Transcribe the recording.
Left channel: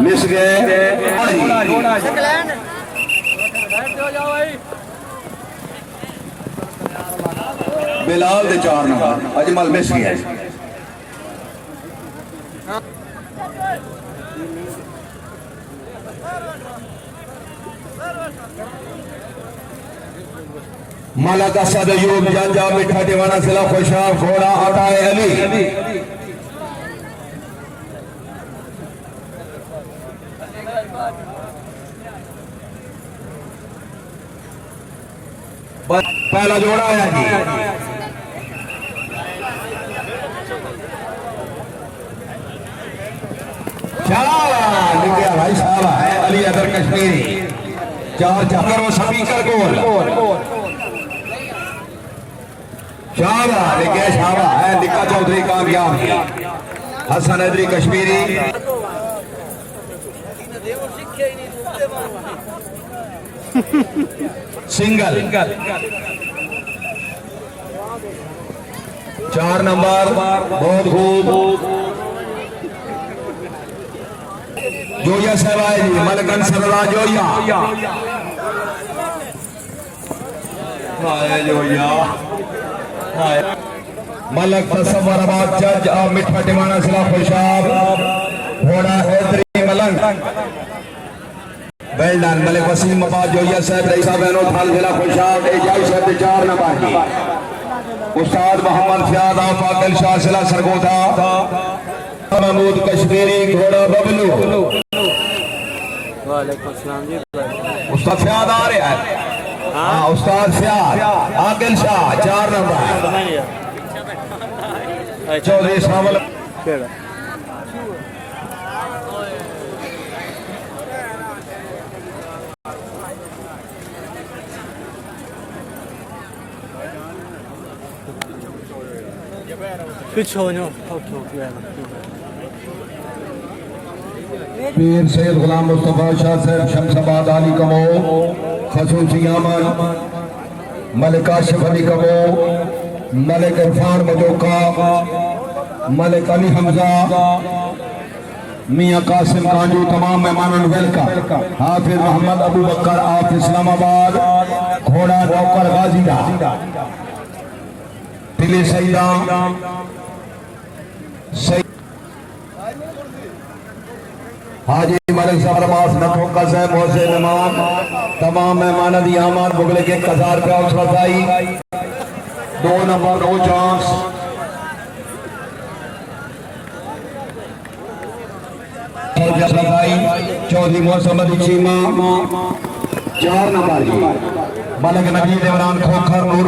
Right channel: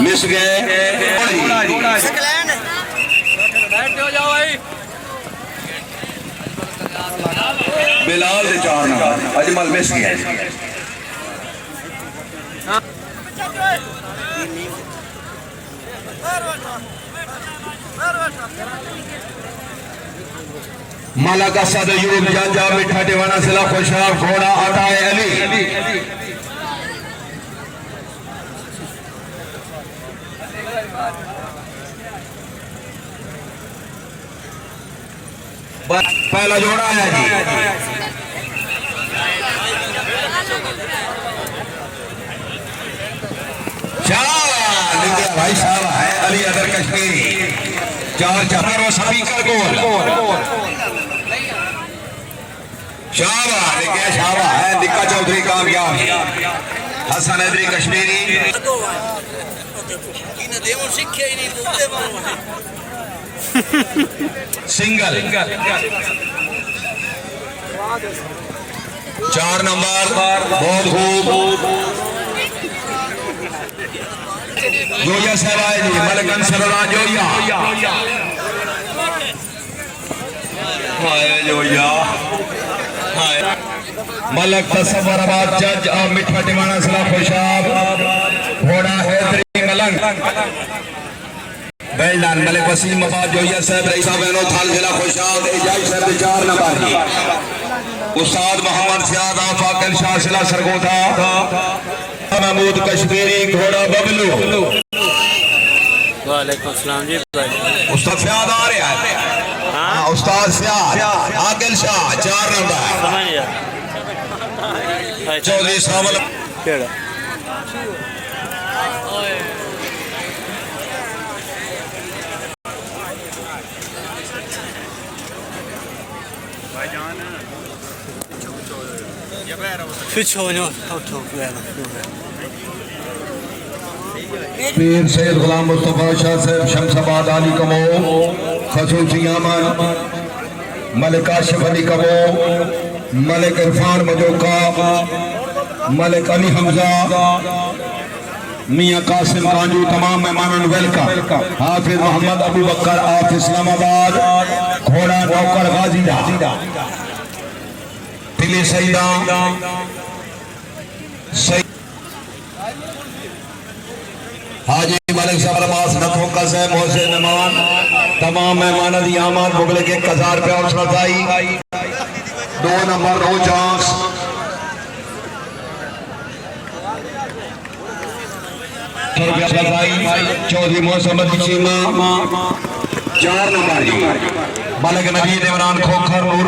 Miss गए। बिलाल दे 4 number Ajmal miss गए। माला का सद यूब जांजा मिठा दीवाना सिला खुशाब घोड़ा अताए अली पहला जोड़ा आया जी। भाई साहब है अली अदर कश्मीरी 4 चार स्पीकर गोल शाबाश क्या शाबाश है। निक्का चौधरी कामयाब हसन हैदरी कश्मीरी सिंगल 4 नंबर बहुत खूब जोया सराय जी मलकन सरला जोया हाय जोया हाय मलक तस्वराबाद जज और मिठा दीवाना सला खुशाब घोड़ा हैदरी मलंग वेल्डन मलिक वसीम आबाद जोया साहब रईसा बहनो थाल जिला खुशाब एजाज साहब 4 नंबर उस्ताद मोहम्मद सियाद आफा कलशा सिला सरगोधा महमूद कश्मीरी घोड़ा बबलू। वालेकुम सलाम जी भाई। उस्ताद सियाद आ रहा है। हाँ उस्ताद सियाद आकिल शाह 4 नंबर चौधरी सावल केड़ा पीर सैयद गुलाम मुस्तफा शाह साहब शमसाबाद अली कमो खसूसी अमन मलिक आशिफ अली कमो मलिक इरफान मजोका मलिक अली हमजा मियां कासिम कांजू तमाम मेहमानों वेलकम। हाफिज मोहम्मद अबू बकर आफ इस्लामाबाद घोड़ा नौकर गाजीदा तिली सईदा हाजी मलिक साहब अब्बास नथोका साहब मोहसिन मेहमान तमाम मेहमानों की आमद मुगले के 1000 रुपया हौसला अफजाई 2 number no chance Chaudhary Mohammad Cheema 4 number जी मलिक नबीद इमरान खोखर नूर